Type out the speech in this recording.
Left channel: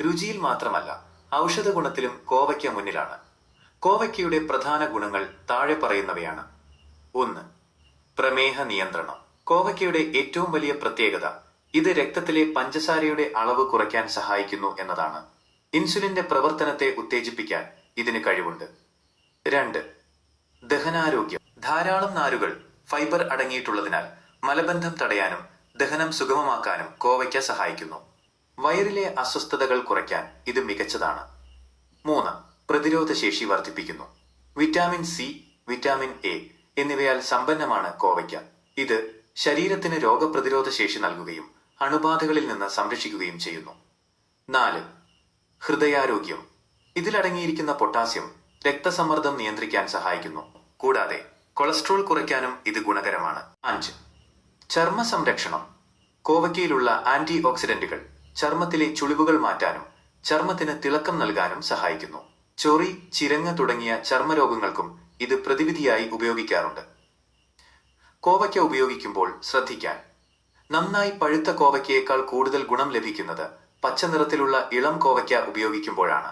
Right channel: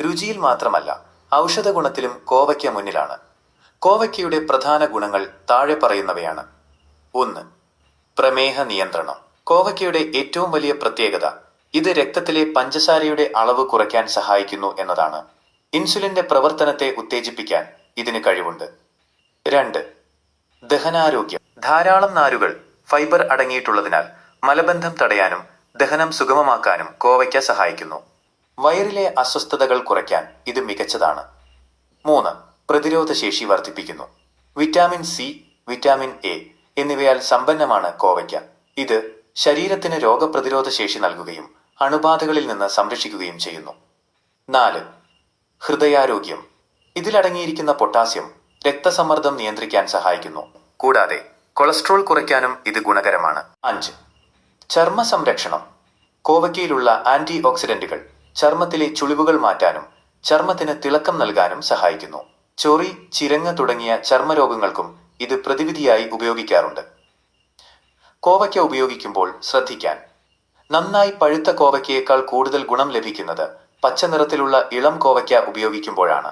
രുചിയിൽ മാത്രമല്ല ഔഷധ ഗുണത്തിലും കോവയ്ക്ക മുന്നിലാണ്. കോവയ്ക്കയുടെ പ്രധാന ഗുണങ്ങൾ താഴെ പറയുന്നവയാണ്. 1. പ്രമേഹ നിയന്ത്രണം. കോവയ്ക്കയുടെ ഏറ്റവും വലിയ പ്രത്യേകത ഇത് രക്തത്തിലെ പഞ്ചസാരയുടെ അളവ് കുറയ്ക്കാൻ സഹായിക്കുന്നു എന്നതാണ്. ഇൻസുലിന്റെ പ്രവർത്തനത്തെ ഉത്തേജിപ്പിക്കാൻ ഇതിന് കഴിവുണ്ട്. 2. ദഹനാരോഗ്യം. ധാരാളം നാരുകൾ, ഫൈബർ അടങ്ങിയിട്ടുള്ളതിനാൽ മലബന്ധം തടയാനും ദഹനം സുഗമമാക്കാനും കോവയ്ക്ക സഹായിക്കുന്നു. വയറിലെ അസ്വസ്ഥതകൾ കുറയ്ക്കാൻ ഇത് മികച്ചതാണ്. 3. പ്രതിരോധശേഷി വർദ്ധിപ്പിക്കുന്നു. വിറ്റാമിൻ സി, വിറ്റാമിൻ എ എന്നിവയാൽ സമ്പന്നമാണ് കോവയ്ക്ക. ഇത് ശരീരത്തിന് രോഗപ്രതിരോധ ശേഷി നൽകുകയും അണുബാധകളിൽ നിന്ന് സംരക്ഷിക്കുകയും ചെയ്യുന്നു. 4. ഹൃദയാരോഗ്യം. ഇതിലടങ്ങിയിരിക്കുന്ന പൊട്ടാസ്യം രക്തസമ്മർദ്ദം നിയന്ത്രിക്കാൻ സഹായിക്കുന്നു. കൂടാതെ കൊളസ്ട്രോൾ കുറയ്ക്കാനും ഇത് ഗുണകരമാണ്. 5. ചർമ്മ സംരക്ഷണം. കോവയ്ക്കയിലുള്ള ആന്റി ഓക്സിഡന്റുകൾ ചർമ്മത്തിലെ ചുളിവുകൾ മാറ്റാനും ചർമ്മത്തിന് തിളക്കം നൽകാനും സഹായിക്കുന്നു. ചൊറി, ചിരങ്ങ് തുടങ്ങിയ ചർമ്മരോഗങ്ങൾക്കും ഇത് പ്രതിവിധിയായി ഉപയോഗിക്കാറുണ്ട്. കോവയ്ക്ക ഉപയോഗിക്കുമ്പോൾ ശ്രദ്ധിക്കാൻ. നന്നായി പഴുത്ത കോവയ്ക്കയേക്കാൾ കൂടുതൽ ഗുണം ലഭിക്കുന്നത് പച്ച നിറത്തിലുള്ള ഇളം കോവയ്ക്ക ഉപയോഗിക്കുമ്പോഴാണ്.